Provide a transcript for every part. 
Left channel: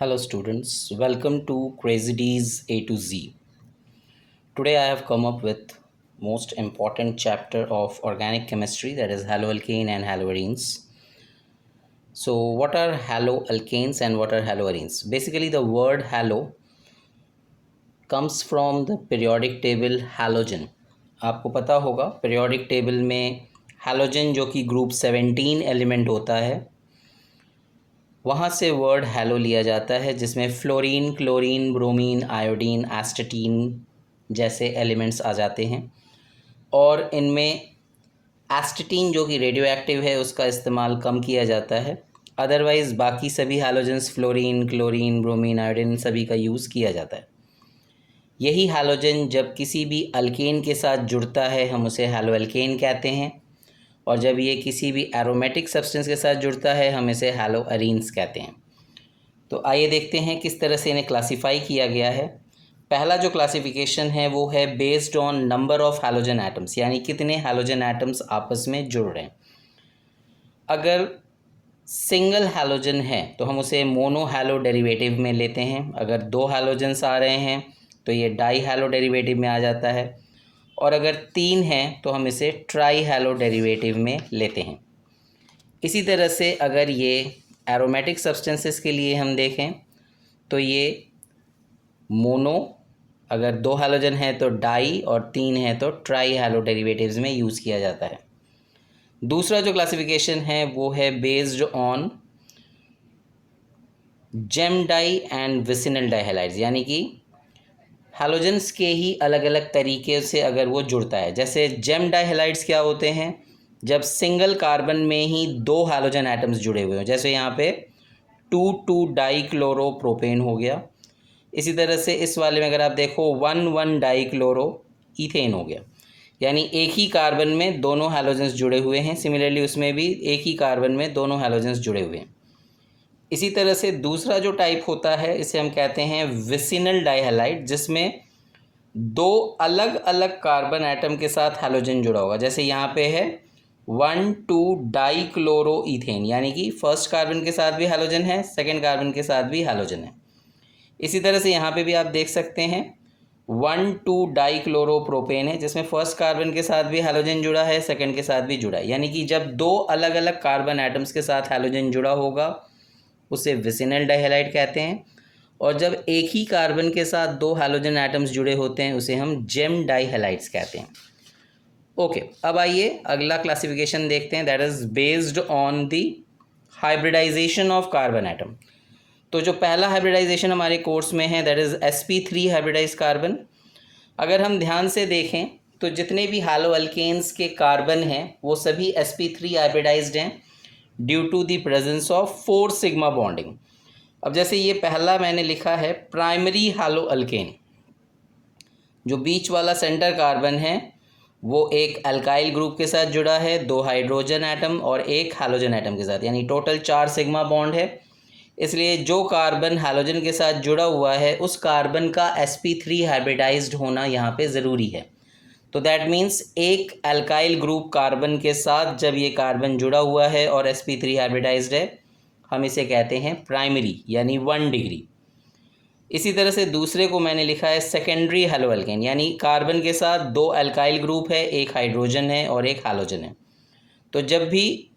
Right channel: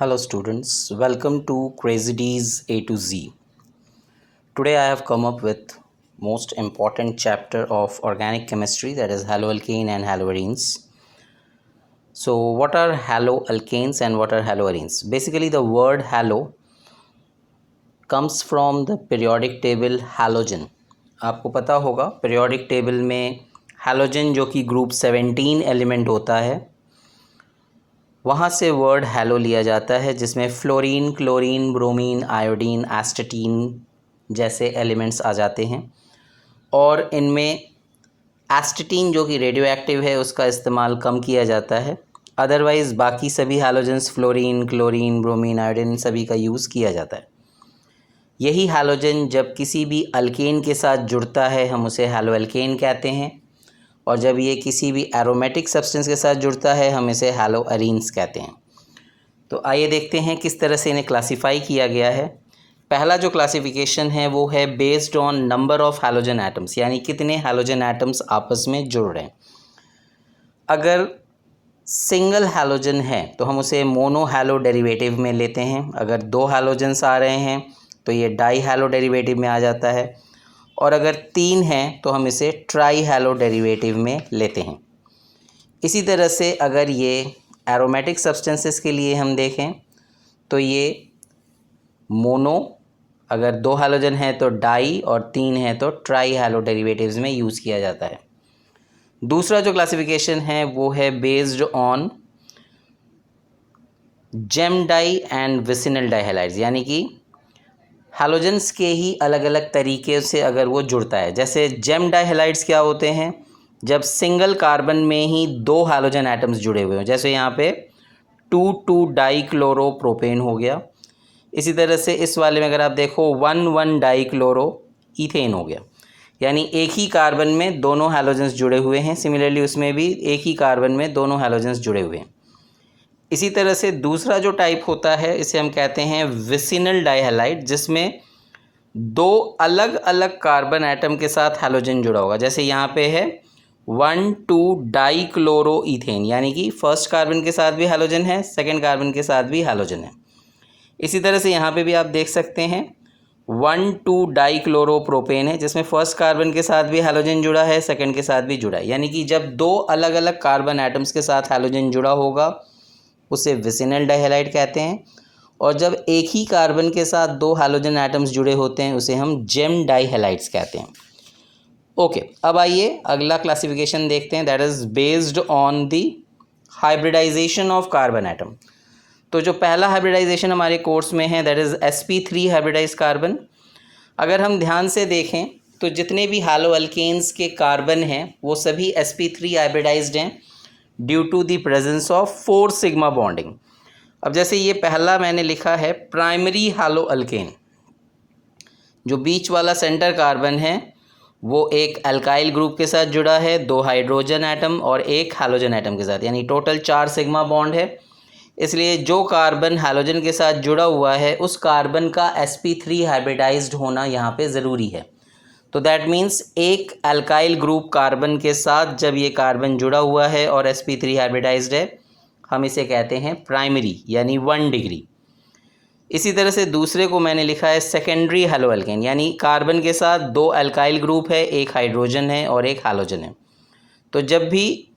Hello students, welcome to Crazy D's A to Z. Today I have come up with most important chapter of organic chemistry, that is haloalkane and haloarenes. So what are haloalkanes and what are haloarenes? Basically the word halo comes from the periodic table halogen. आपको पता होगा periodic table में halogen जो कि group 17 element होता है वहाँ से वर्ड हैलो लिया जाता है, जिसमें फ्लोरीन, क्लोरीन, ब्रोमीन, आयोडीन, एस्टेटीन जैसे एलिमेंट्स आ जाते हैं। और इनमें एस्टेटीन जो कि रेडियो एक्टिव है उसका इस्तेमाल कम किया जाता है। अदरवाइज़ बाकी सभी halogens fluorine, chlorine, bromine, iodine सभी का यूज़ किया जाता है। यही हैलोजन जब किसी भी अल्केन के साथ जुड़ता है हम उसे हैलोअल्केन कहते हैं, और जब ये किसी भी एरोमेटिक सब्सटेंस के साथ जुड़ता है हम इसे हैलोअरीन्स कहते हैं। तो आइए देखते हैं किस तरह से इन्हें क्लासिफाई किया गया है। पहला जो क्लासिफिकेशन है वो है based on number of halogen atoms, यानी कितने हैलोजन एटम्स आपस में जुड़ रहे हैं। अगर सिंगल हैलोजन है तो हम उसे मोनो हैलो डेरिवेटिव में लेते हैं। अगर दो हैलोजन्स आ रहे हैं तो ये डाई हैलो डेरिवेटिव में आ जाता है, और अगर तीन हैं तो हम इसे ट्राई हैलो डेरिवेटिव में लेते हैं। इसी तरह से अगर ये एरोमेटिक सब्सटेंसेस के लिए हम देखें तो ये मोनो, अगर दो हैलोजन है तो डाई, और तीन है तो ट्राई हैलो डेरिवेटिव्स में यूज़ किया जाता है। दूसरा जो क्लासिफिकेशन है वो है based on gem di and vicinal dihalides, यानी कि हैलोजेंस के ही अलग अलग तरीके से अगर वो जुड़ता है। जैसे जेम डाइहैलाइड्स क्या होते हैं, जब सिंगल कार्बन में ही दो हैलोजन एटम्स जुड़े हुए हों, जैसे यहाँ पे 2,2 डाइक्लोरोप्रोपेन हो गया। इसी तरह से इस वाले में अगर आप देखो 1,1 डाइक्लोरो ईथेन हो गया, यानी एक ही कार्बन में दोनों हैलोजेंस जुड़े हुए हैं। सिमिलरली उसमें भी एक ही कार्बन में दोनों हैलोजेंस जुड़े हुए हैं। इसी तरह से दूसरा जो टाइप होता है इसे हम कहते हैं विसिनल डाइहैलाइड, जिसमें दो अलग अलग कार्बन एटम के साथ हैलोजन जुड़ा होगा। जैसे यहाँ पे है 1,2 डाइक्लोरो ईथेन, यानी कि फर्स्ट कार्बन के साथ भी हैलोजन है, सेकेंड कार्बन के साथ भी हैलोजन है। इसी तरह से यहाँ पे भी आप देख सकते हैं 1,2 डाइक्लोरोप्रोपेन है, जिसमें फर्स्ट कार्बन के साथ भी हैलोजन जुड़ा है, सेकंड के साथ भी जुड़ा है। यानी कि जब दो अलग अलग कार्बन एटम्स के साथ हैलोजन जुड़ा होगा उसे विसिनल डाइहैलाइड कहते हैं, और जब एक ही कार्बन के साथ दो हैलोजन एटम्स जुड़े होते हैं उसे हम जेम डाइहैलाइड्स कहते हैं। ओके, अब आइए अगला क्लासिफिकेशन देखते हैं, that is based on the hybridization of carbon atom. तो जो पहला हाइब्रिडाइजेशन हमारे कोर्स में है that is sp3 hybridise carbon. अगर हम ध्यान से देखें तो जितने भी हैलोअल्केन्स के कार्बन हैं वो सभी sp3 हाइब्रिडाइज्ड हैं due to the presence of 4 sigma bonding. अब जैसे ये पहला मैंने लिखा है प्राइमरी हैलोअल्केन, जो बीच वाला सेंटर कार्बन है वो एक अल्काइल ग्रुप के साथ जुड़ा है, दो हाइड्रोजन एटम और एक हैलोजन एटम के साथ, यानी टोटल 4 सिग्मा बॉन्ड है। इसलिए जो कार्बन हैलोजन के साथ जुड़ा हुआ है उस कार्बन का sp3 हाइब्रिडाइज्ड होना यहाँ पे ज़रूरी है। तो दैट मीन्स एक अल्काइल ग्रुप कार्बन के साथ जब ये कार्बन जुड़ा हुआ है और sp3 हाइब्रिडाइज्ड है हम इसे कहते हैं प्राइमरी, यानी 1 डिग्री। इसी तरह से दूसरे को मैंने लिखा है सेकेंडरी हैलोअल्केन, यानी कार्बन के साथ दो अल्काइल ग्रुप है, एक हाइड्रोजन है और एक हैलोजन है। तो जब भी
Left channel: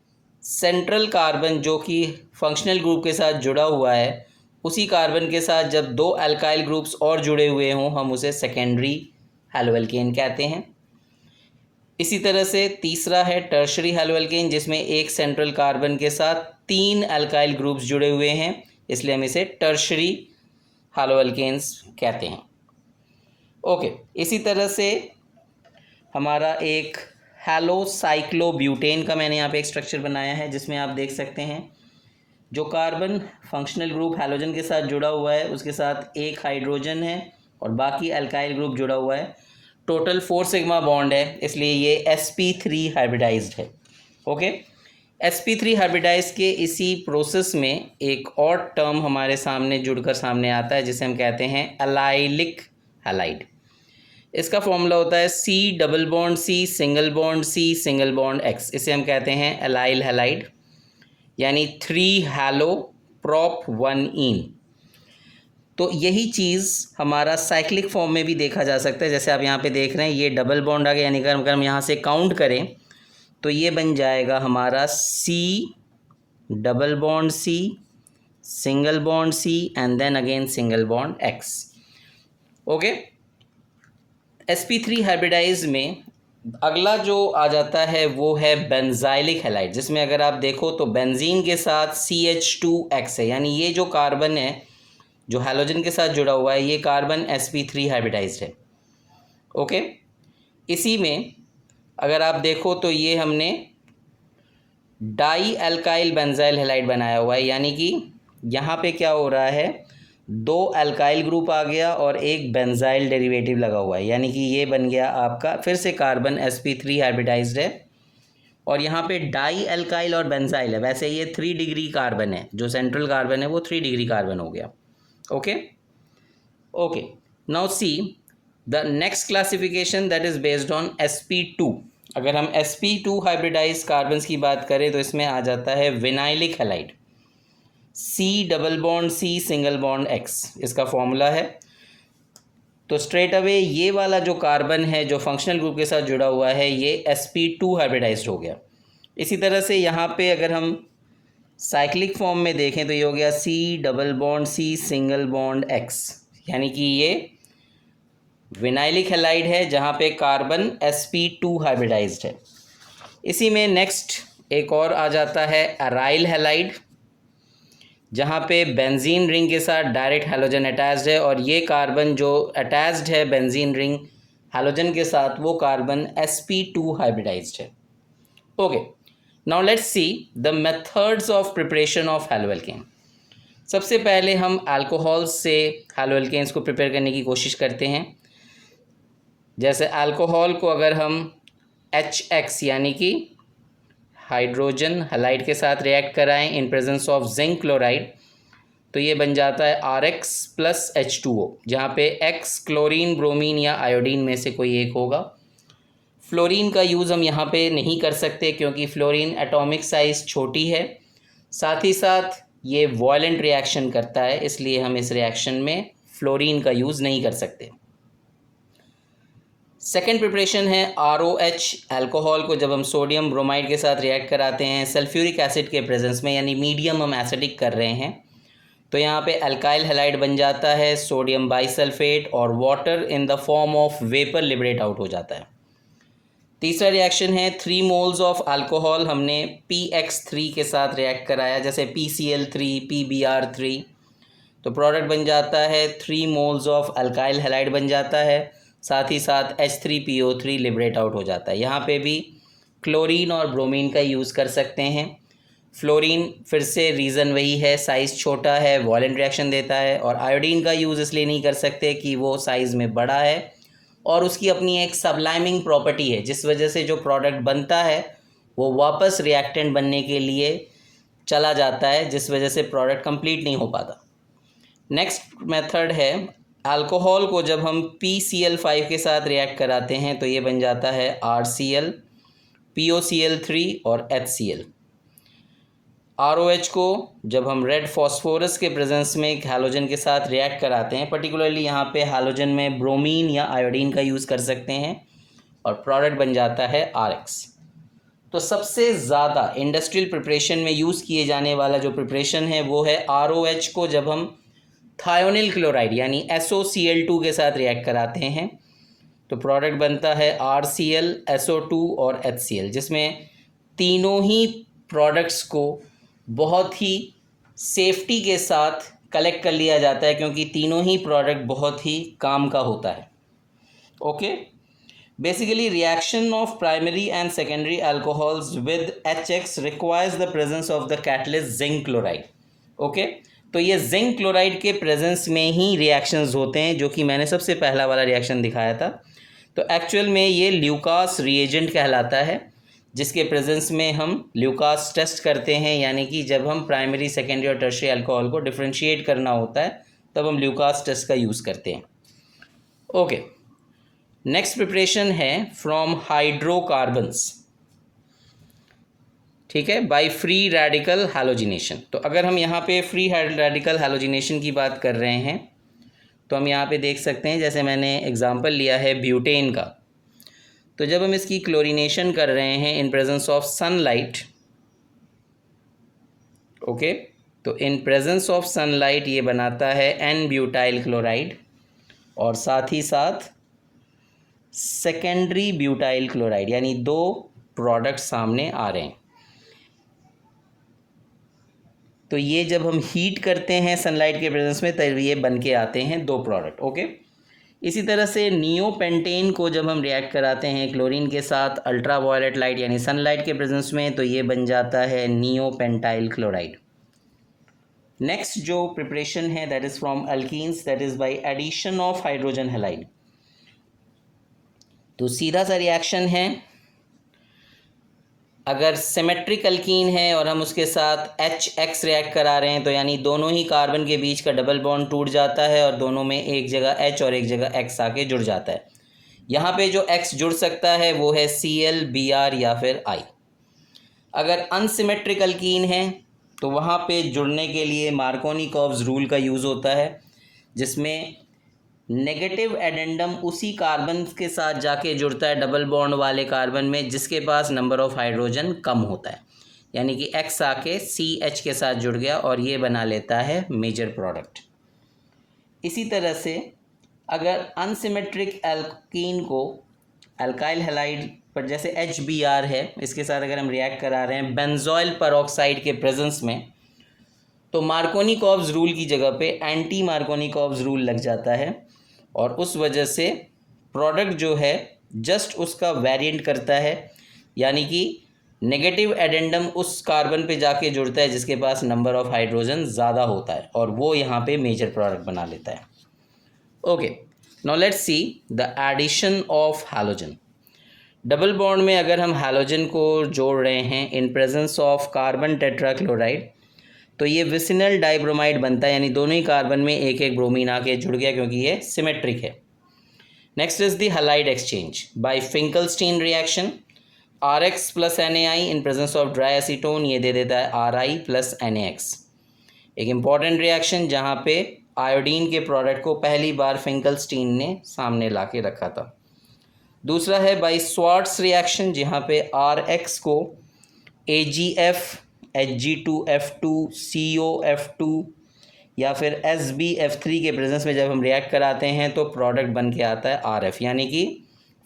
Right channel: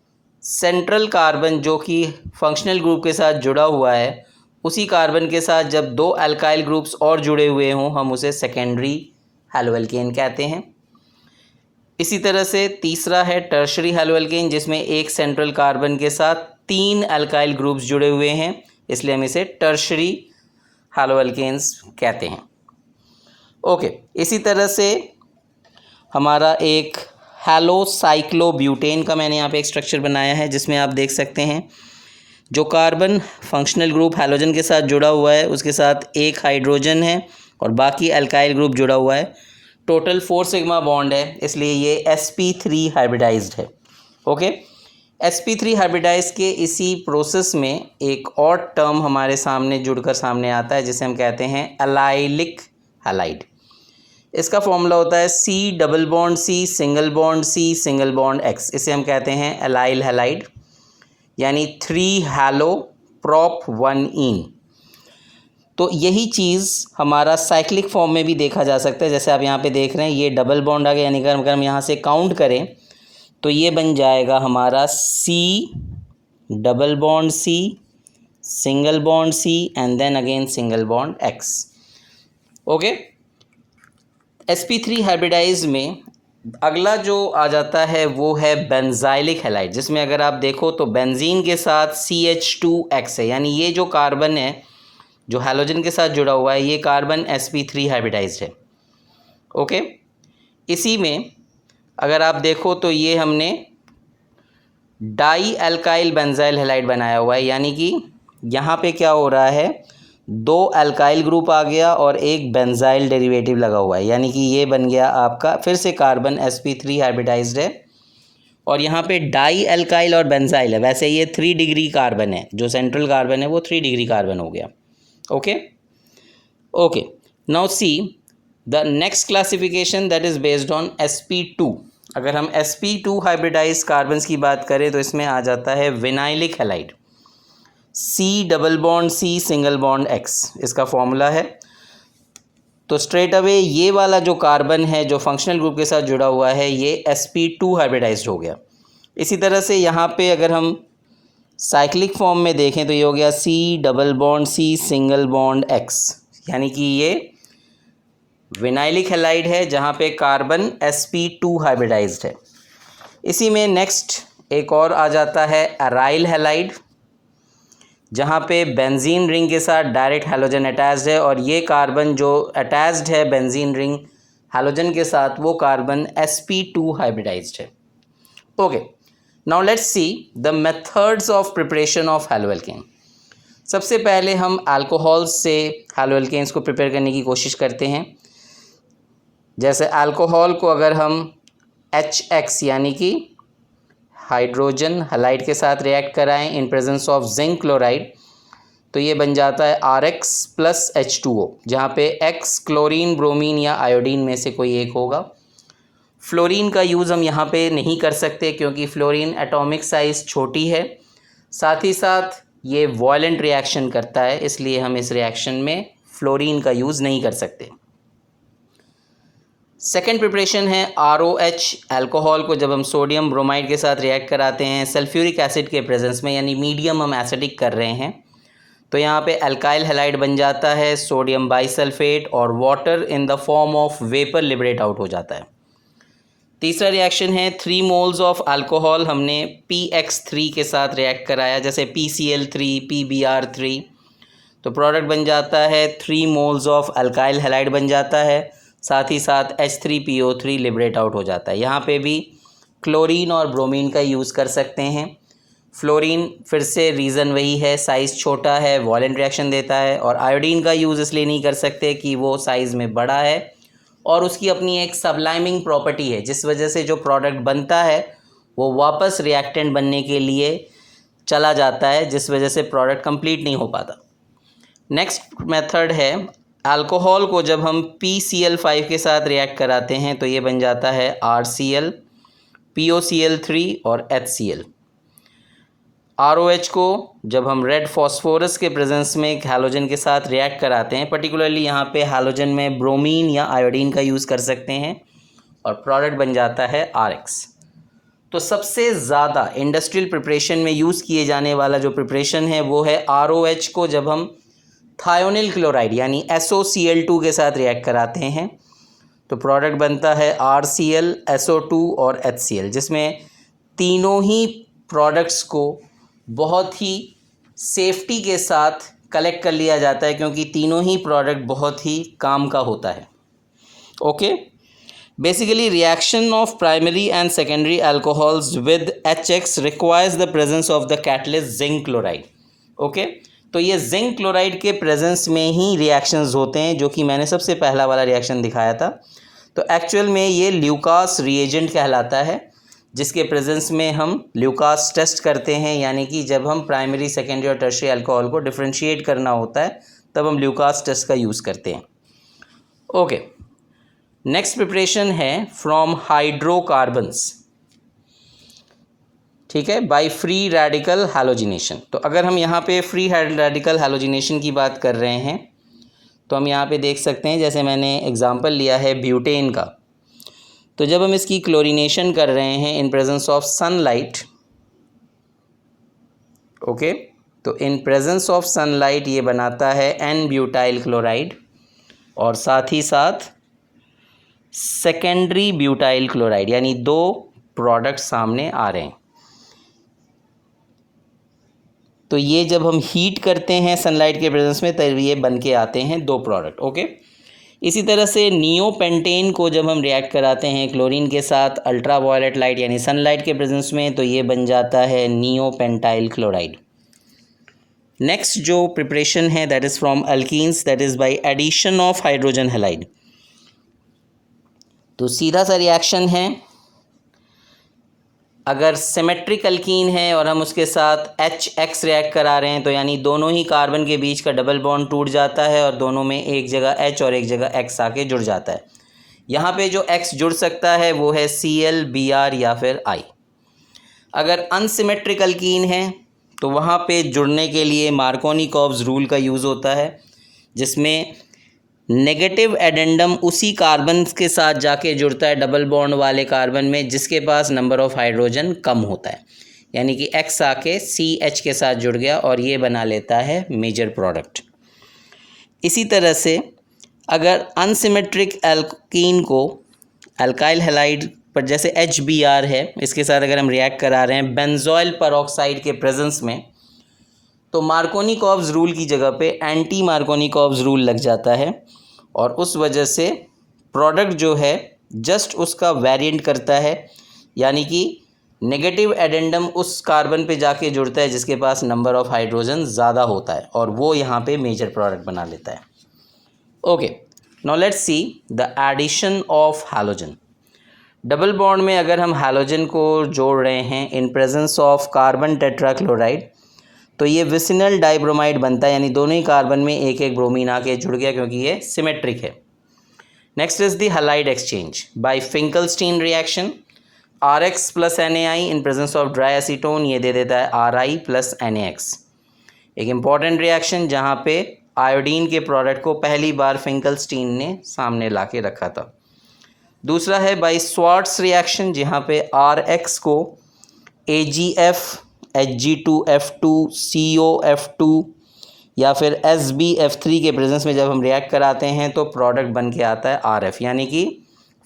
सेंट्रल कार्बन जो कि फंक्शनल ग्रुप के साथ जुड़ा हुआ है उसी कार्बन के साथ जब दो अल्काइल ग्रुप्स और जुड़े हुए हों हम उसे सेकेंडरी हैलोअल्केन कहते हैं। इसी तरह से तीसरा है टर्शरी हैलोअल्केन, जिसमें एक सेंट्रल कार्बन के साथ 3 अल्काइल ग्रुप्स जुड़े हुए हैं, इसलिए हम इसे टर्शरी हैलोअल्केन्स कहते हैं। ओके, इसी तरह से हमारा एक हैलोसाइक्लोब्यूटेन का मैंने यहाँ पे एक स्ट्रक्चर बनाया है, जिसमें आप देख सकते हैं जो कार्बन फंक्शनल ग्रुप हैलोजन के साथ जुड़ा हुआ है उसके साथ एक हाइड्रोजन है और बाकी अल्काइल ग्रुप जुड़ा हुआ है। टोटल 4 सिग्मा बॉन्ड है, इसलिए ये sp3 हाइब्रिडाइज्ड है। ओके, sp3 हाइब्रिडाइज के इसी प्रोसेस में एक और टर्म हमारे सामने जुड़कर सामने आता है जिसे हम कहते हैं एलाइलिक हैलाइड। इसका फॉर्मूला होता है C double bond C single bond C single bond X। इसे हम कहते हैं एलाइल हैलाइड, यानी 3 हैलो प्रॉप 1 ईन। तो यही चीज़ हमारा साइक्लिक फॉर्म में भी देखा जा सकता है। जैसे आप यहाँ पे देख रहे हैं ये डबल बॉन्ड आ गया, यानी अगर हम यहाँ से काउंट करें तो ये बन जाएगा हमारा C double bond C single bond C and then again single bond X। Okay, sp3 hybridize में अगला जो आ जाता है वो है बेंजाइलिक हैलाइड, जिसमें अगर आप देखो तो बेंजीन के साथ CH2X है, यानी ये जो कार्बन है जो हैलोजन के साथ जुड़ा हुआ है ये कार्बन sp3 हाइब्रिडाइज्ड है। ओके, इसी में अगर आप देखो तो ये हमने डाई एल्काइल बेंजाइल हैलाइड बनाया हुआ है, यानी कि यहाँ पे क्या हो रहा है, 2 एल्काइल ग्रुप आ गया और एक बेंजाइल डेरिवेटिव लगा हुआ है, यानी कि ये बन गया आपका फिर से कार्बन sp3 हाइब्रिडाइज्ड है। और यहाँ पे डाई एल्काइल और बेंजाइल है, वैसे ये 3 डिग्री कार्बन है, जो सेंट्रल कार्बन है वो 3 डिग्री कार्बन हो गया। okay, now see the next classification that is based on sp2। अगर हम sp2 हाइब्रिडाइज कार्बन्स की बात करें तो इसमें आ जाता है vinylic halide, C double bond C single bond X इसका फॉर्मूला है। तो स्ट्रेट अवे ये वाला जो कार्बन है जो फंक्शनल ग्रुप के साथ जुड़ा हुआ है ये sp2 हाइब्रिडाइज्ड हो गया। इसी तरह से यहाँ पे अगर हम साइक्लिक फॉर्म में देखें तो ये हो गया C double bond C single bond X, यानी कि ये विनाइलिक हैलाइड है जहाँ पे कार्बन sp2 हाइब्रिडाइज्ड है। इसी में नेक्स्ट एक और आ जाता है एराइल हैलाइड, जहाँ पे बेंजीन रिंग के साथ डायरेक्ट हैलोजन अटैच्ड है और ये कार्बन जो अटैच्ड है बेंजीन रिंग हैलोजन के साथ वो कार्बन sp2 हाइब्रिडाइज्ड है। Okay, now let's see the methods of preparation of haloalkane. सबसे पहले हम अल्कोहल से हैलोएल्केन्स को प्रिपेयर करने की कोशिश करते हैं। जैसे अल्कोहल को अगर हम HX यानी कि हाइड्रोजन हैलाइड के साथ रिएक्ट कराएं इन प्रेजेंस ऑफ जिंक क्लोराइड तो ये बन जाता है RX प्लस H2O, जहाँ पे X क्लोरीन ब्रोमीन या आयोडीन में से कोई एक होगा। फ्लोरीन का यूज़ हम यहाँ पे नहीं कर सकते क्योंकि फ्लोरीन एटॉमिक साइज़ छोटी है, साथ ही साथ ये वॉयलेंट रिएक्शन करता है, इसलिए हम इस रिएक्शन में फ्लोरीन का यूज़ नहीं कर सकते। सेकेंड प्रिपरेशन है ROH। अल्कोहल को जब हम सोडियम ब्रोमाइड के साथ रिएक्ट कराते हैं सल्फ्यूरिक एसिड के प्रेजेंस में, यानी मीडियम हम एसिडिक कर रहे हैं, तो यहाँ पे अल्काइल हैलाइड बन जाता है सोडियम बाइसल्फेट और water in the form of vapour liberate out हो जाता है। तीसरा रिएक्शन है 3 मोल्स ऑफ अल्कोहल हमने PX3 के साथ रिएक्ट कराया, जैसे PCl3 PBr3, तो प्रोडक्ट बन जाता है 3 मोल्स ऑफ अल्काइल हैलाइड बन जाता है, साथ ही साथ H3PO3 लिबरेट आउट हो जाता है। यहाँ पे भी क्लोरीन और ब्रोमीन का यूज़ कर सकते हैं। फ्लोरीन फिर से रीज़न वही है, साइज़ छोटा है, वॉलेंट रिएक्शन देता है, और आयोडीन का यूज़ इसलिए नहीं कर सकते कि वो साइज़ में बड़ा है और उसकी अपनी एक सबलाइमिंग प्रॉपर्टी है, जिस वजह से जो प्रोडक्ट बनता है वो वापस रिएक्टेंट बनने के लिए चला जाता है, जिस वजह से प्रोडक्ट कंप्लीट नहीं हो पाता। नेक्स्ट मेथड है अल्कोहल को जब हम PCl5 के साथ रिएक्ट कराते हैं तो ये बन जाता है RCl, POCl3 और HCl। ROH को जब हम रेड फॉस्फोरस के प्रेजेंस में एक हैलोजन के साथ रिएक्ट कराते हैं, पर्टिकुलरली यहाँ पे हैलोजन में ब्रोमीन या आयोडीन का यूज़ कर सकते हैं और प्रोडक्ट बन जाता है RX। तो सबसे ज़्यादा इंडस्ट्रियल प्रिपरेशन में यूज़ किए जाने वाला जो प्रिपरेशन है वो है ROH को जब हम थायोनिल क्लोराइड यानी SOCl2 के साथ रिएक्ट कराते हैं तो प्रोडक्ट बनता है RCl, SO2 और HCl, जिसमें तीनों ही प्रोडक्ट्स को बहुत ही सेफ्टी के साथ कलेक्ट कर लिया जाता है क्योंकि तीनों ही प्रोडक्ट बहुत ही काम का होता है। Okay, basically reaction of primary and secondary alcohols with HX requires the presence of the catalyst zinc chloride. Okay, तो ये जिंक क्लोराइड के प्रेजेंस में ही रिएक्शंस होते हैं, जो कि मैंने सबसे पहला वाला रिएक्शन दिखाया था। तो एक्चुअल में ये ल्यूकास रिएजेंट कहलाता है, जिसके प्रेजेंस में हम ल्यूकास टेस्ट करते हैं, यानी कि जब हम प्राइमरी सेकेंडरी और टर्शियरी अल्कोहल को डिफरेंशिएट करना होता है तब हम ल्यूकास टेस्ट का यूज़ करते हैं। ओके, नेक्स्ट प्रिपरेशन है फ्रॉम हाइड्रोकार्बन्स, ठीक है, बाय फ्री रेडिकल हैलोजिनेशन। तो अगर हम यहाँ पे फ्री रेडिकल हैलोजिनेशन की बात कर रहे हैं तो हम यहाँ पे देख सकते हैं, जैसे मैंने एग्जांपल लिया है ब्यूटेन का, तो जब हम इसकी क्लोरीनेशन कर रहे हैं in presence of sunlight, okay, तो इन प्रेजेंस ऑफ सनलाइट ये बनाता है एन ब्यूटाइल क्लोराइड और साथ ही साथ सेकेंडरी ब्यूटाइल क्लोराइड, यानी दो प्रोडक्ट सामने आ रहे हैं। तो ये जब हम हीट करते हैं सनलाइट के प्रेजेंस में तब ये बन के आते हैं दो प्रोडक्ट, ओके। इसी तरह से नियोपेंटेन को जब हम रिएक्ट कराते हैं क्लोरीन के साथ अल्ट्रा वायलेट लाइट यानी सनलाइट के प्रेजेंस में, तो ये बन जाता है नियोपेंटाइल क्लोराइड। नेक्स्ट जो प्रिपरेशन है that is from alkenes, that is by addition of hydrogen halide. तो सीधा सा रिएक्शन है, अगर सिमेट्रिक अल्कीन है और हम उसके साथ HX रिएक्ट करा रहे हैं तो यानी दोनों ही कार्बन के बीच का डबल बॉन्ड टूट जाता है और दोनों में एक जगह H और एक जगह X आके जुड़ जाता है। यहाँ पे जो X जुड़ सकता है वो है Cl, Br या फिर I। अगर अनसिमेट्रिक अल्कीन है तो वहाँ पे जुड़ने के लिए मार्कोनिकॉव्स रूल का यूज़ होता है, जिसमें नेगेटिव एडेंडम उसी कार्बन के साथ जाके जुड़ता है डबल बॉन्ड वाले कार्बन में जिसके पास नंबर ऑफ हाइड्रोजन कम होता है, यानी कि X आके CH के साथ जुड़ गया और ये बना लेता है मेजर प्रोडक्ट। इसी तरह से अगर अनसिमेट्रिक एल्कीन को अल्काइल हैलाइड पर, जैसे HBr है, इसके साथ अगर हम रिएक्ट करा रहे हैं बेंजोइल परऑक्साइड के प्रेजेंस में, तो मार्कोनिकॉव्स रूल की जगह पे एंटी मार्कोनिकॉव्स रूल लग जाता है और उस वजह से प्रोडक्ट जो है जस्ट उसका वेरिएंट करता है, यानी कि नेगेटिव एडेंडम उस कार्बन पे जाके जुड़ता है जिसके पास नंबर ऑफ हाइड्रोजन ज़्यादा होता है और वो यहाँ पे मेजर प्रोडक्ट बना लेता है। Okay, now let's see the addition of halogen. Double bond में अगर हम हैलोजन को जोड़ रहे हैं in presence of carbon tetrachloride, तो ये विसिनल डाइब्रोमाइड बनता है, यानी दोनों ही कार्बन में एक एक ब्रोमीन आके जुड़ गया क्योंकि ये सिमेट्रिक है। Next is the halide exchange bye Finkelstein reaction. RX plus NaI in presence of dry acetone, ये दे देता है RI प्लस NaX। एक इम्पॉर्टेंट रिएक्शन जहाँ पे आयोडीन के प्रोडक्ट को पहली बार फिंकलस्टीन ने सामने ला के रखा था। दूसरा है बाय स्वार्ट्स रिएक्शन, जहाँ पे RX को AgF, Hg2F2, COF2 या फिर SbF3 के प्रेजेंस में जब हम रिएक्ट कराते हैं तो प्रोडक्ट बन के आता है RF, यानी कि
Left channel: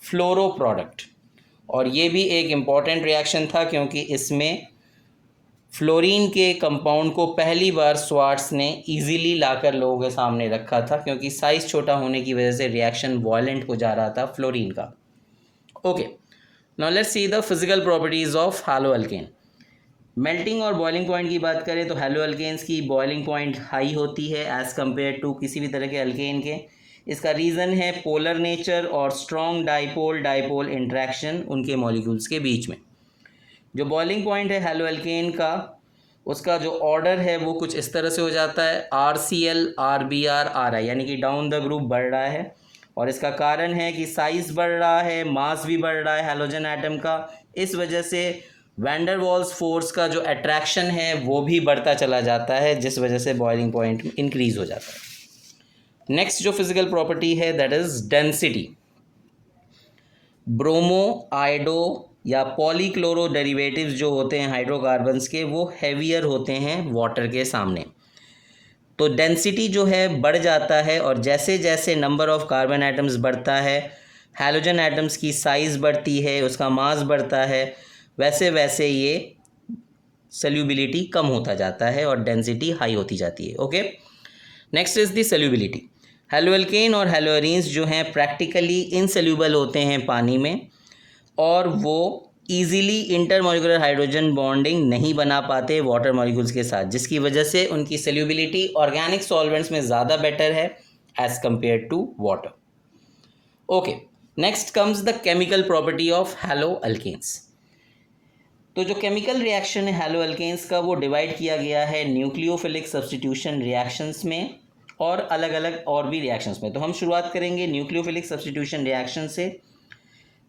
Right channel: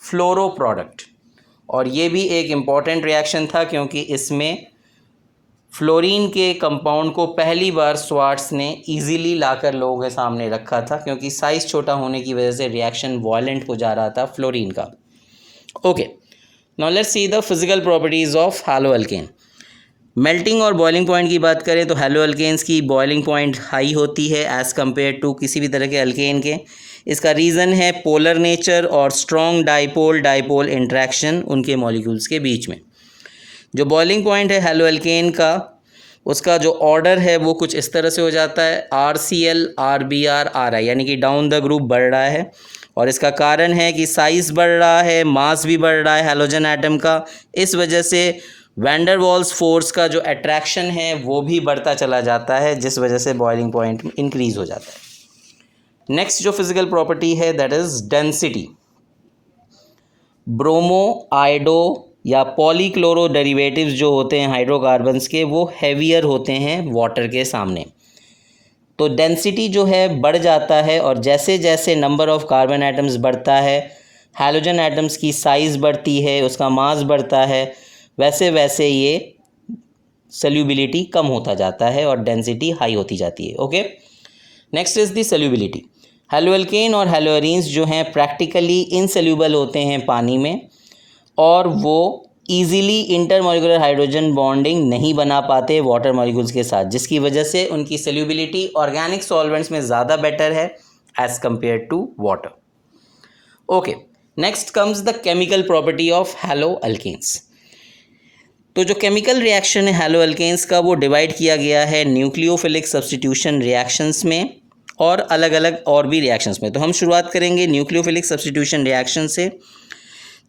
फ्लोरो प्रोडक्ट। और ये भी एक इम्पॉर्टेंट रिएक्शन था क्योंकि इसमें फ्लोरीन के कंपाउंड को पहली बार स्वार्ट्स ने इजीली लाकर लोगों के सामने रखा था, क्योंकि साइज़ छोटा होने की वजह से रिएक्शन वॉयलेंट हो जा रहा था फ्लोरीन का। Okay, now let's see the physical properties of hello alkane. Melting और बॉइलिंग पॉइंट की बात करें तो हैलो अल्केन्स की बॉइलिंग पॉइंट हाई होती है एज़ कम्पेयर टू किसी भी तरह के अल्केन के। इसका रीज़न है पोलर नेचर और स्ट्रॉन्ग डाइपोल डाइपोल इंट्रैक्शन उनके मॉलिक्यूल्स के बीच में। जो बॉइलिंग पॉइंट है हैलो अल्केन का, उसका जो ऑर्डर है वो कुछ इस तरह से हो जाता है RCl, RBr, RI, यानी कि डाउन द ग्रुप बढ़ रहा है। और इसका कारण है कि साइज़ बढ़ रहा है, मास भी बढ़ रहा है हैलोजन एटम का, इस वजह से वैन डर वाल्स फोर्स का जो अट्रैक्शन है वो भी बढ़ता चला जाता है, जिस वजह से बॉइलिंग पॉइंट इंक्रीज़ हो जाता है। नेक्स्ट जो फिजिकल प्रॉपर्टी है that is density. Bromo, iodo या पॉलीक्लोरो डेरिवेटिव्स जो होते हैं हाइड्रोकार्बन्स के, वो हैवियर होते हैं वाटर के सामने। तो डेंसिटी जो है बढ़ जाता है और जैसे जैसे नंबर ऑफ कार्बन एटम्स बढ़ता है, हैलोजन एटम्स की साइज़ बढ़ती है, उसका मास बढ़ता है, वैसे वैसे ये सल्यूबिलिटी कम होता जाता है और डेंसिटी हाई होती जाती है। Okay, next is the solubility. Haloalkane और हैलोअरीन्स जो हैं प्रैक्टिकली इनसल्यूबल होते हैं पानी में और वो ईज़िली इंटरमॉलिक्यूलर हाइड्रोजन बॉन्डिंग नहीं बना पाते वाटर मॉलिक्यूल्स के साथ, जिसकी वजह से उनकी सल्यूबिलिटी ऑर्गेनिक सॉल्वेंट्स में ज़्यादा बेटर है as compare to water. Okay, next comes the chemical property of haloalkanes. तो जो केमिकल रिएक्शन है हैलो अल्केन्स का वो डिवाइड किया गया है न्यूक्लियोफिलिक सब्स्टिट्यूशन रिएक्शंस में और अलग अलग और भी रिएक्शंस में। तो हम शुरुआत करेंगे न्यूक्लियोफिलिक सब्स्टिट्यूशन रिएक्शन से,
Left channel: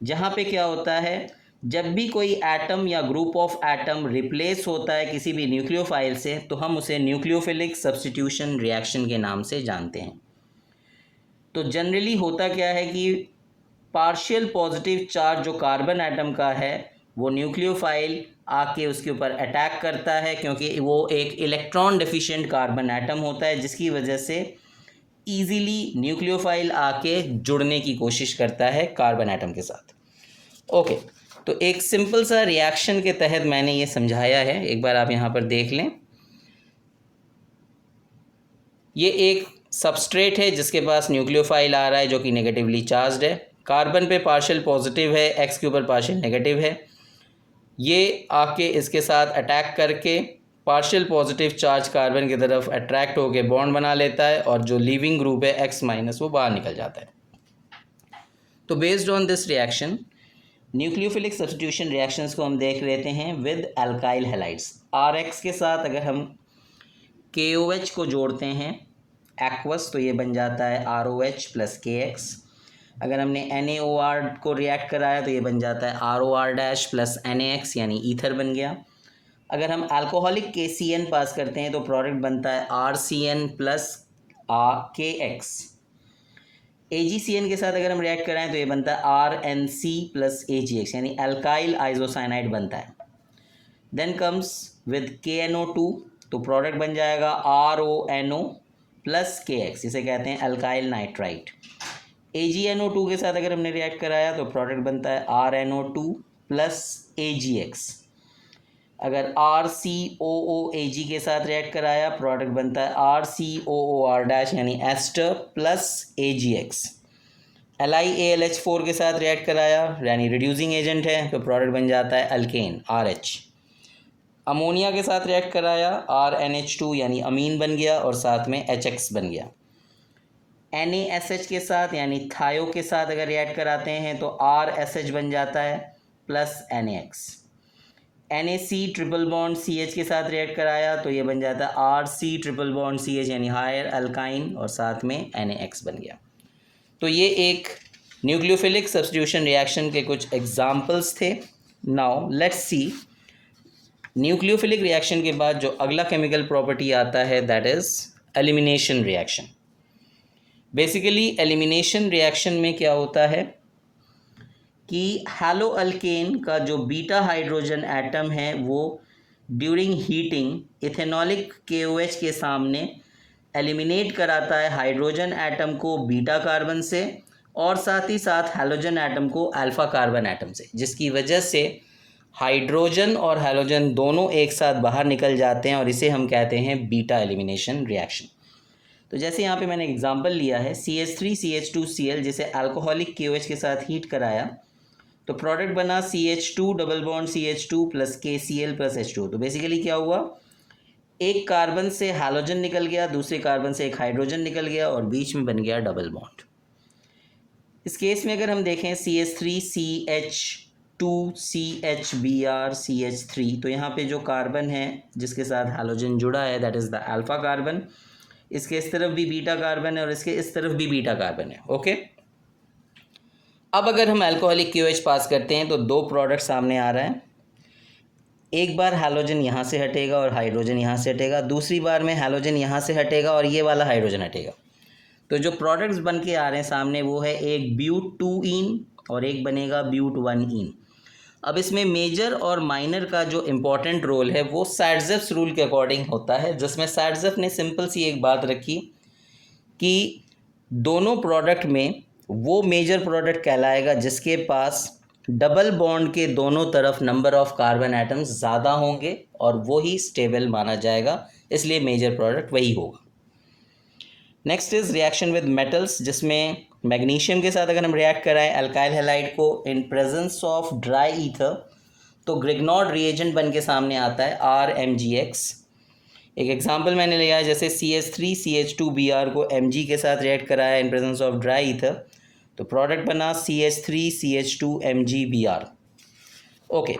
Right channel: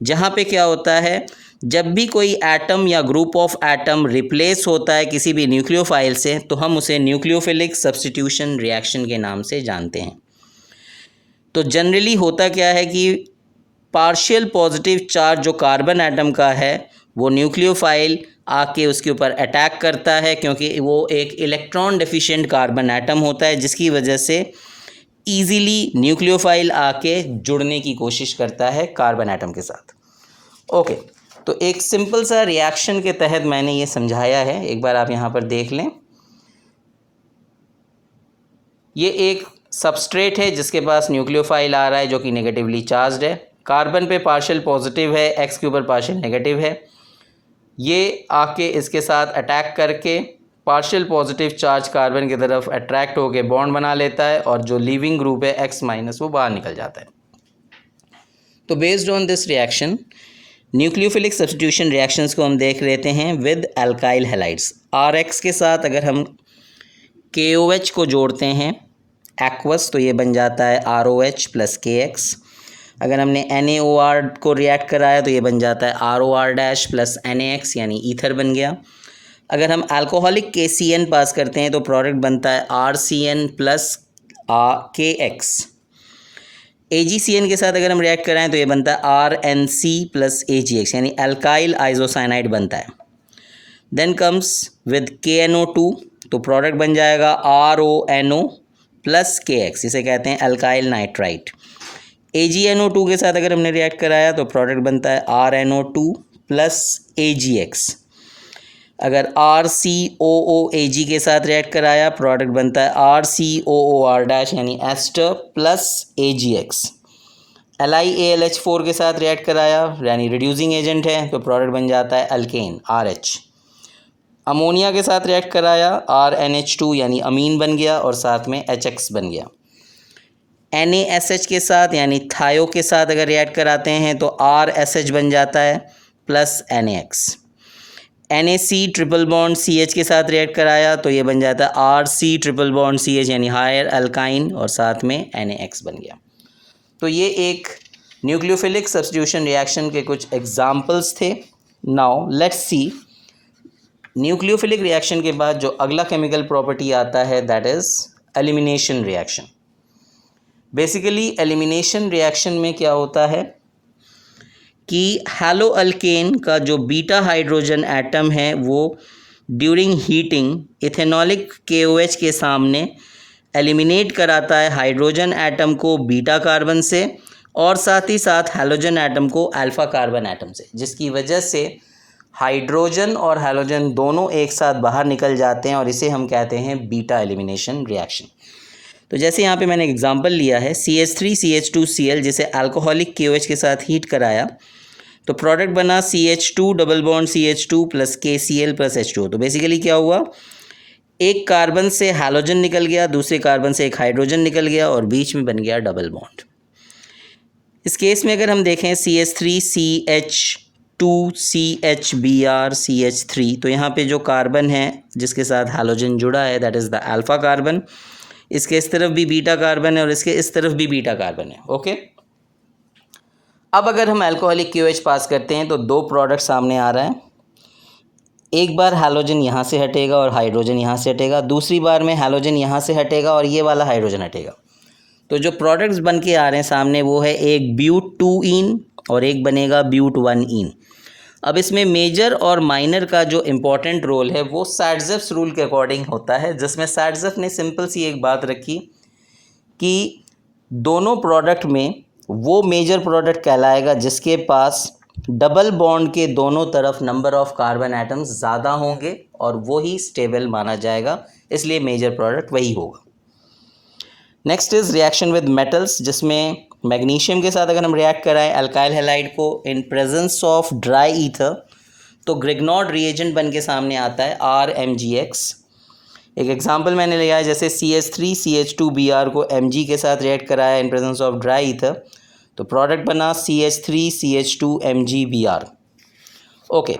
जहाँ पे क्या होता है, जब भी कोई एटम या ग्रुप ऑफ एटम रिप्लेस होता है किसी भी न्यूक्लियोफाइल से तो हम उसे न्यूक्लियोफिलिक सब्स्टिट्यूशन रिएक्शन के नाम से जानते हैं। तो जनरली होता क्या है कि पार्शियल पॉजिटिव चार्ज जो कार्बन एटम का है वो न्यूक्लियोफाइल आके उसके ऊपर अटैक करता है, क्योंकि वो एक इलेक्ट्रॉन डेफिशिएंट कार्बन एटम होता है, जिसकी वजह से ईज़िली न्यूक्लियोफाइल आके जुड़ने की कोशिश करता है कार्बन एटम के साथ। ओके, तो एक सिंपल सा रिएक्शन के तहत मैंने ये समझाया है, एक बार आप यहाँ पर देख लें। ये एक सबस्ट्रेट है जिसके पास न्यूक्लियोफाइल आ रहा है जो कि नेगेटिवली चार्ज्ड है, कार्बन पे पार्शियल पॉजिटिव है, एक्स के ऊपर पार्शियल नेगेटिव है। ये आके इसके साथ अटैक करके पार्शियल पॉजिटिव चार्ज कार्बन की तरफ अट्रैक्ट होकर बॉन्ड बना लेता है और जो लीविंग ग्रुप है एक्स माइनस वो बाहर निकल जाता है। तो based on this reaction nucleophilic substitution reactions को हम देख लेते हैं with alkyl halides. R X के साथ अगर हम KOH को जोड़ते हैं एक्वस तो ये बन जाता है ROH प्लस KX। अगर हमने NaOR को रिएक्ट कराया तो ये बन जाता है ROR डैश प्लस NaX यानी ईथर बन गया। अगर हम अल्कोहलिक KCN पास करते हैं तो प्रोडक्ट बनता है RCN प्लस KX। AgCN के साथ अगर हम रिएक्ट कराएं तो ये बनता है RNC प्लस AgX यानी अल्काइल आइसोसाइनाइड बनता है। देन कम्स विद KNO2 तो प्रोडक्ट बन जाएगा RONO प्लस KX, इसे कहते हैं अल्काइल नाइट्राइट। AgNO2 के साथ अगर हमने रिएक्ट कराया तो प्रोडक्ट बनता है RNO2 प्लस AgX। अगर RCOOAg के साथ रिएक्ट कराया प्रोडक्ट बनता है RCOOR डैश यानी एस्टर प्लस AgX। LiAlH4 के साथ रिएक्ट कराया यानी रिड्यूसिंग एजेंट है तो प्रोडक्ट बन जाता है अल्केन RH। अमोनिया के साथ रिएक्ट कराया RNH2 यानी अमीन बन गया और साथ में HX बन गया। NaSH के साथ यानी थायो के साथ अगर रिएक्ट कराते हैं तो RSH बन जाता है plus NaX। NaC triple bond CH के साथ रिएक्ट कराया तो ये बन जाता है RC ट्रिपल बॉन्ड CH यानी हायर अल्काइन और साथ में NaX बन गया। तो ये एक न्यूक्लियोफिलिक सब्स्टिट्यूशन रिएक्शन के कुछ एग्जाम्पल्स थे। Now let's C nucleophilic reaction के बाद जो अगला केमिकल प्रॉपर्टी आता है that is elimination reaction. Basically elimination reaction में क्या होता है कि हैलो अल्केन का जो बीटा हाइड्रोजन एटम है वो ड्यूरिंग हीटिंग इथेनॉलिक KOH के सामने एलिमिनेट कराता है हाइड्रोजन एटम को बीटा कार्बन से और साथ ही साथ हैलोजन एटम को अल्फ़ा कार्बन एटम से, जिसकी वजह से हाइड्रोजन और हैलोजन दोनों एक साथ बाहर निकल जाते हैं और इसे हम कहते हैं बीटा एलिमिनेशन रिएक्शन। तो जैसे यहाँ पे मैंने एग्जांपल लिया है CH3CH2Cl जिसे अल्कोहलिक KOH के साथ हीट कराया तो प्रोडक्ट बना CH2 double bond CH2 plus KCl plus H2। तो बेसिकली क्या हुआ, एक कार्बन से हैलोजन निकल गया, दूसरे कार्बन से एक हाइड्रोजन निकल गया और बीच में बन गया डबल बॉन्ड। इस केस में अगर हम देखें CH3CH2CHBr CH3 तो यहाँ पे जो कार्बन है जिसके साथ हैलोजन जुड़ा है that is the alpha carbon. इसके इस तरफ भी बीटा कार्बन है और इसके इस तरफ भी बीटा कार्बन है। ओके, अब अगर हम अल्कोहलिक KOH पास करते हैं तो दो प्रोडक्ट सामने आ रहा है। एक बार हैलोजन यहाँ से हटेगा और हाइड्रोजन यहाँ से हटेगा, दूसरी बार में हैलोजन यहाँ से हटेगा और ये वाला हाइड्रोजन हटेगा। तो जो प्रोडक्ट्स बन के आ रहे हैं सामने वो है एक ब्यूट 2 इन और एक बनेगा ब्यूट 1 इन। अब इसमें मेजर और माइनर का जो इम्पोर्टेंट रोल है वो सैडजेफ्स रूल के अकॉर्डिंग होता है, जिसमें सैडजेफ ने सिंपल सी एक बात रखी कि दोनों प्रोडक्ट में वो मेजर प्रोडक्ट कहलाएगा जिसके पास डबल बॉन्ड के दोनों तरफ नंबर ऑफ कार्बन एटम्स ज़्यादा होंगे और वो ही स्टेबल माना जाएगा, इसलिए मेजर प्रोडक्ट वही होगा। Next is reaction with metals, जिसमें मैग्नीशियम के साथ अगर हम रिएक्ट कराएं अल्काइल हैलाइड को इन प्रेजेंस ऑफ ड्राई ईथर तो ग्रिग्नॉड रिएजेंट बन के सामने आता है RMgX। एक एग्जांपल मैंने लिया है जैसे CH3CH2Br को Mg के साथ रिएक्ट कराया इन प्रेजेंस ऑफ ड्राई ईथर तो प्रोडक्ट बना CH3CH2MgBr। Okay,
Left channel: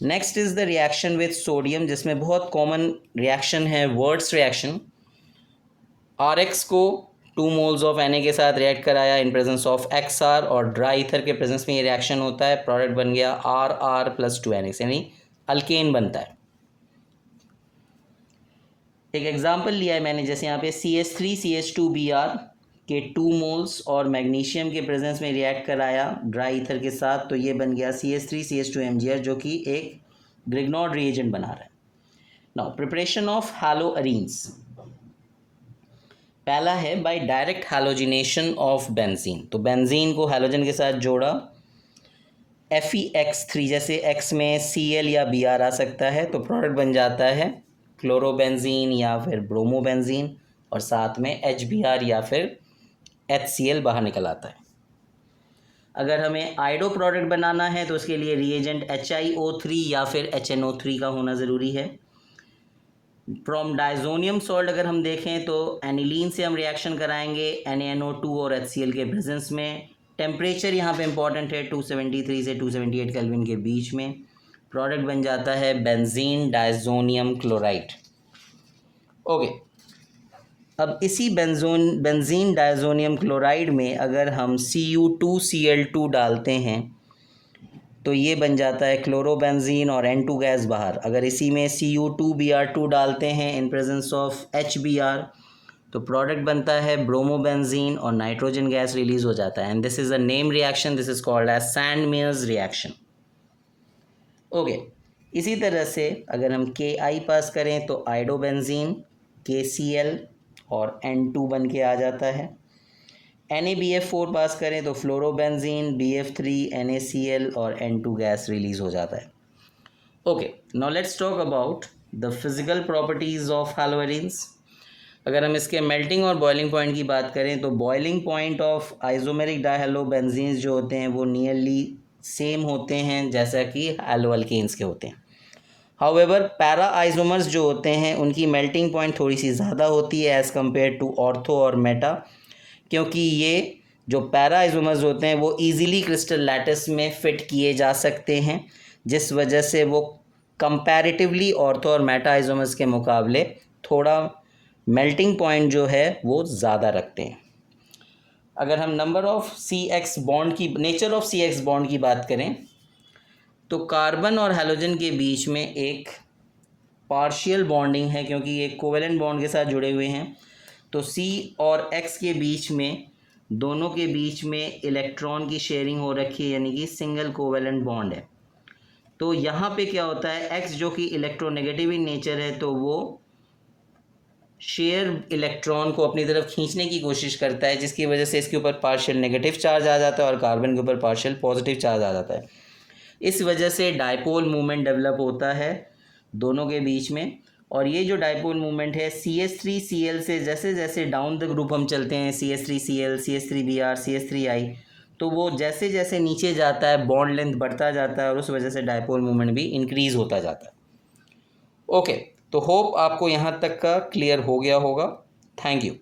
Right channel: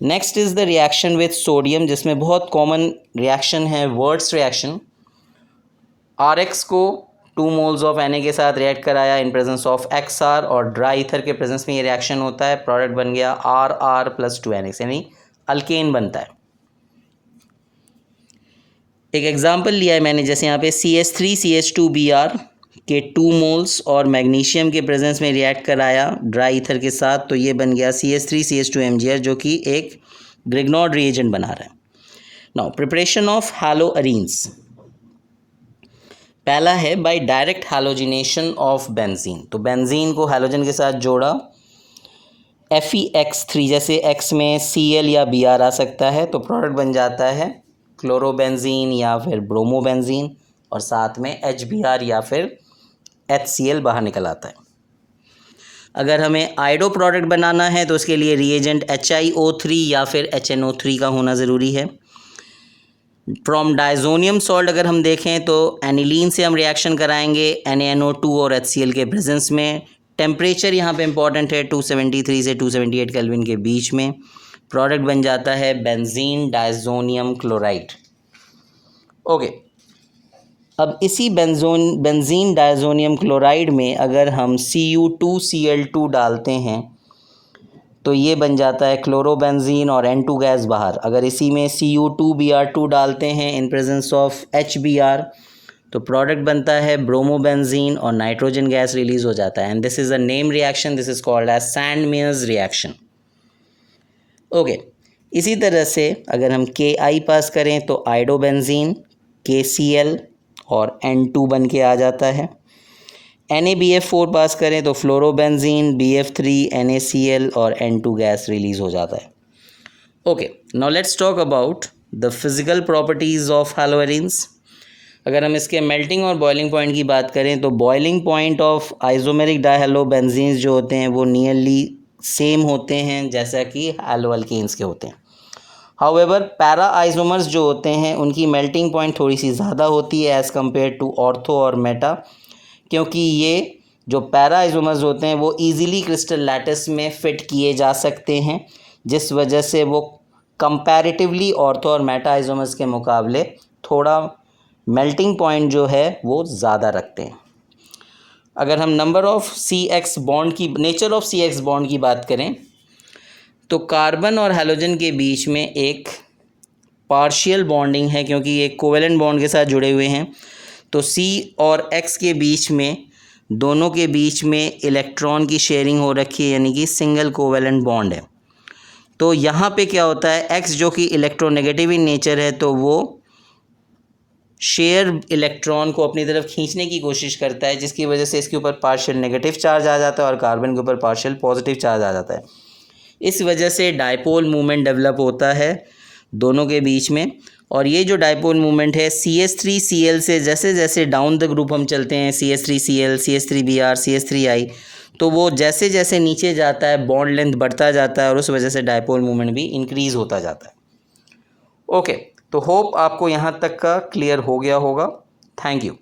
next is the reaction with sodium, जिसमें बहुत कॉमन रिएक्शन है वर्ड्स रिएक्शन। RX को 2 मोल्स ऑफ Na के साथ रिएक्ट कराया इन प्रेजेंस ऑफ XR और ड्राई ईथर के प्रेजेंस में ये रिएक्शन होता है, प्रोडक्ट बन गया RR प्लस 2NX यानी अल्केन बनता है। एक एग्जांपल लिया है मैंने जैसे यहाँ पे CH3CH2Br के 2 मोल्स और मैग्नीशियम के प्रेजेंस में रिएक्ट कराया ड्राई ईथर के साथ, तो ये बन गया CH3CH2MgR, जो कि एक ग्रिग्नॉर्ड रिएजेंट बना रहा है। नाउ प्रिपरेशन ऑफ हैलोअरीन्स, पहला है by direct halogenation of benzene. तो बेंजीन को हैलोजन के साथ जोड़ा, FeX3, जैसे X में Cl या Br आ सकता है, तो प्रोडक्ट बन जाता है क्लोरोबेंजीन या फिर ब्रोमोबेंजीन, और साथ में HBr या फिर HCl बाहर निकल आता है। अगर हमें आयोडो प्रोडक्ट बनाना है तो उसके लिए रिएजेंट HiO3 या फिर HNO3 का होना ज़रूरी है। फ्रॉम डायजोनियम सॉल्ट अगर हम देखें तो एनिलीन से हम रिएक्शन कराएंगे NaNO2 और HCl के प्रेजेंस में। टेम्परेचर यहाँ पे इंपॉर्टेंट है, 273 से 278 केल्विन के बीच में। प्रोडक्ट बन जाता है बेंजीन डायजोनियम क्लोराइड। ओके, अब इसी बेंजीन डायजोनियम क्लोराइड में अगर हम Cu2Cl2 डालते हैं तो ये बन जाता है क्लोरोबेंजीन और N2 गैस बाहर। अगर इसी में Cu2Br2 डालते हैं इन प्रेजेंस ऑफ HBr तो प्रोडक्ट बनता है ब्रोमोबेंजीन और नाइट्रोजन गैस रिलीज हो जाता है। And this is a name reaction, this is called as Sandmeyer's reaction. Okay, इसी तरह से अगर हम Ki पास करें तो आयोडोबेंजीन KCl और N2 बन के आ जाता है। NaBF4 पास करें तो फ्लोरोबेंजीन BF3 NaCl और N2 गैस रिलीज हो जाता है। Okay, now let's talk about the physical properties of haloarenes. अगर हम इसके मेल्टिंग और बॉइलिंग पॉइंट की बात करें तो बॉइलिंग पॉइंट ऑफ आइसोमेरिक डायहैलोबेंजीन्स जो होते हैं वो नियरली सेम होते हैं जैसा कि हैलोअल्केन्स के होते हैं। हाउएवर पैरा आइसोमर्स जो होते हैं उनकी मेल्टिंग पॉइंट थोड़ी सी ज़्यादा होती है एज़ कम्पेयर टू ऑर्थो और मेटा, क्योंकि ये जो पैरा आइसोमर्स होते हैं वो ईजिली क्रिस्टल लैटिस में फ़िट किए जा सकते हैं, जिस वजह से वो कंपैरेटिवली ऑर्थो और मेटा आइसोमर्स के मुकाबले थोड़ा मेल्टिंग पॉइंट जो है वो ज़्यादा रखते हैं। अगर हम नेचर ऑफ CX बॉन्ड की बात करें तो कार्बन और हैलोजन के बीच में एक पार्शियल बॉन्डिंग है, क्योंकि ये कोवेलेंट बॉन्ड के साथ जुड़े हुए हैं। तो C और X के बीच में, दोनों के बीच में इलेक्ट्रॉन की शेयरिंग हो रखी है, यानी कि सिंगल कोवेलेंट बॉन्ड है। तो यहाँ पे क्या होता है, X जो कि इलेक्ट्रोनेगेटिव इन नेचर है तो वो शेयर इलेक्ट्रॉन को अपनी तरफ खींचने की कोशिश करता है, जिसकी वजह से इसके ऊपर पार्शियल नेगेटिव चार्ज आ जाता है और कार्बन के ऊपर पार्शियल पॉजिटिव चार्ज आ जाता है। इस वजह से डायपोल मूवमेंट डेवलप होता है दोनों के बीच में। और ये जो डायपोल मूवमेंट है CH3Cl से जैसे जैसे डाउन द ग्रुप हम चलते हैं, CH3Cl, CH3Br, CH3I, तो वो जैसे जैसे नीचे जाता है बॉन्ड लेंथ बढ़ता जाता है और उस वजह से डायपोल मूवमेंट भी इंक्रीज़ होता जाता है। ओके, तो होप आपको यहाँ तक का क्लियर हो गया होगा। Thank you.